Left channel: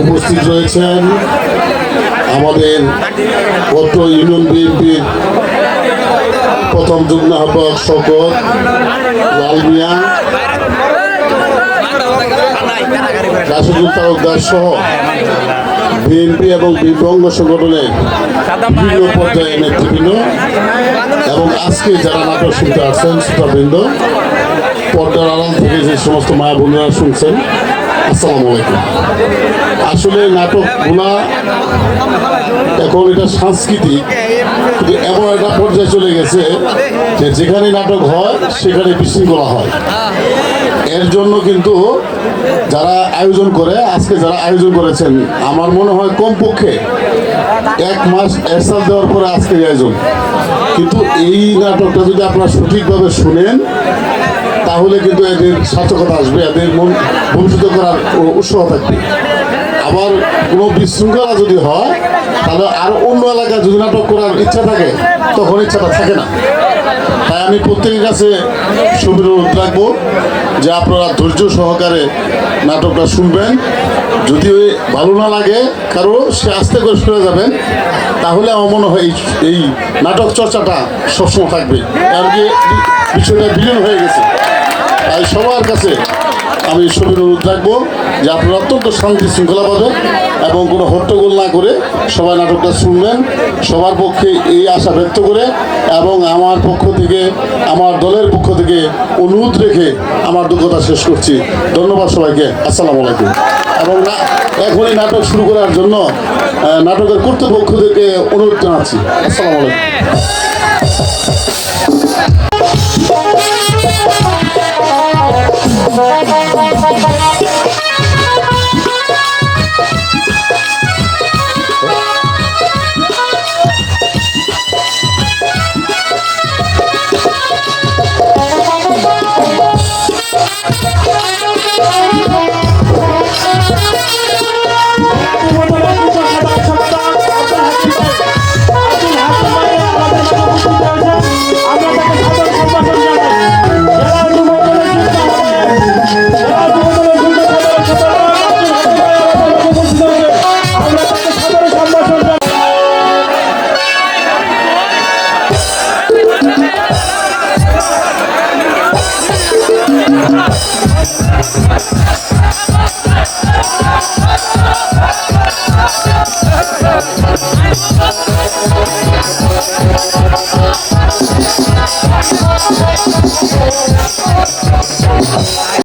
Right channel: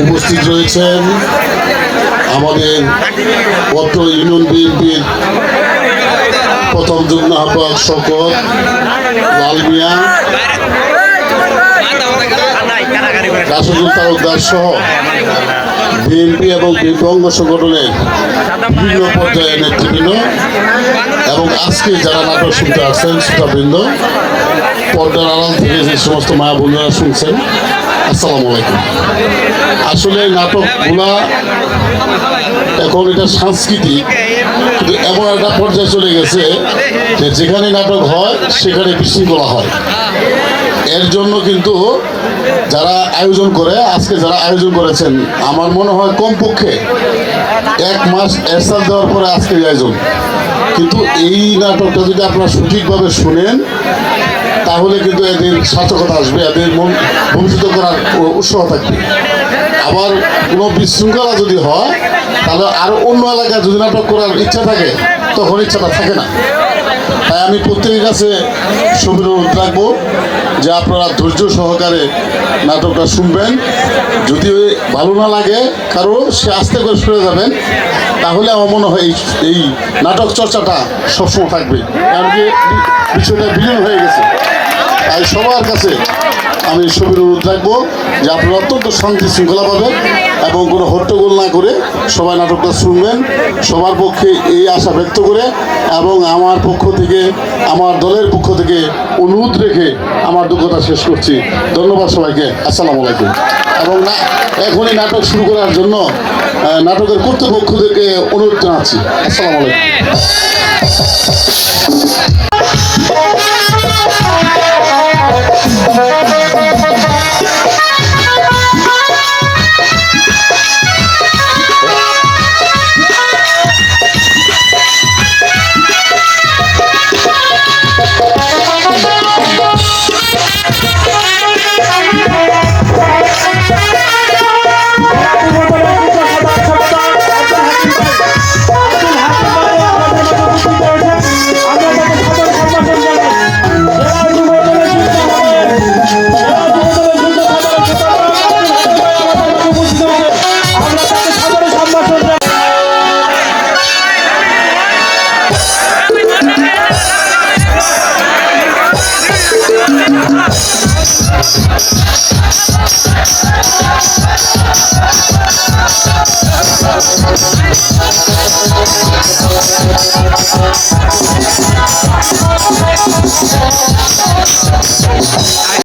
উপস্থিত রয়েছেন আমাদের পত্র ইউনিয়ন বিএনপির প্রথম যুগ্ম আহ্বায়ক শওকত লাল মিয়া, রাশেদুল তালুকদার সহ বিএনপি এবং বিএনপি অঙ্গ সংগঠনের বিভিন্ন পর্যায়ের নেতৃবৃন্দ এবং আজকে যারা নাটক শুনতে আসছেন শ্রোতাবৃন্দ, পর্দার আড়াল থেকে যে সমস্ত মা বোনেরা শুনছেন, আসসালামু আলাইকুম। আসলে নাটকগুলা এখন এটা সাংস্কৃতিক, কিন্তু এমন একটা পর্যায়ে চলে গেছে যে যেখানে নাটক হয় সেখানে বিশৃঙ্খলা হয়। এর জন্য কিন্তু যারা আয়োজন করে, আজকে যারা আয়োজন করেছেন, আমার মনে হয় কমপক্ষে 1 মাস এরসাল দেওয়ার পরে আজকে আয়োজন। কিন্তু এই নাটকটা যদি আপনারা সঠিকভাবে শুনেন তাহলে কিন্তু এদের সার্থকতা আসবে, এদের মন ভবিষ্যৎ করার উৎসাহ থাকবে। আবার কোনো বিশৃঙ্খলা যদি হয় তাহলে আর অন্য এলাকায় যদি নাটক করার ইচ্ছা থাকে তখন ইচ্ছাটা থাকে না। তাই আমি প্রত্যেকের কাছে সবিনয় অনুরোধ রাখবো যে আপনারা ধৈর্য সহকারে নাটকটা শুনবেন। যদি ভালো না লাগে কারো, সে আস্তে করে শুনে যাবেন, তাহলে আমার মনে হয় এই নাটক চর্চাটা সবসময় থাকবে। আর কি বিষয়টা বিলীন হয়ে গেছে। তাই সবার কাছে আমি সবিনয় অনুরোধ রাখবো যে আপনারা অত্যন্ত শান্তি শৃঙ্খলা পাবেন এবং কোনো হট্টগোল না করে সবাই নাটকটা শুনবেন। সবার পক্ষে এই আশা ব্যক্ত করে এবং আমার পক্ষ থেকে, আমার দলের পক্ষ থেকে অনুরোধ রেখে আমার দুঃখটা শেষ করছি। ধন্যবাদ সবাইকে। আসসালামু আলাইকুম। এবং এখনই নাটক শুরু করার জন্য নাটকের কর্তৃপক্ষ থেকে অনুরোধ জানাচ্ছি। আসসালামু আলাইকুম।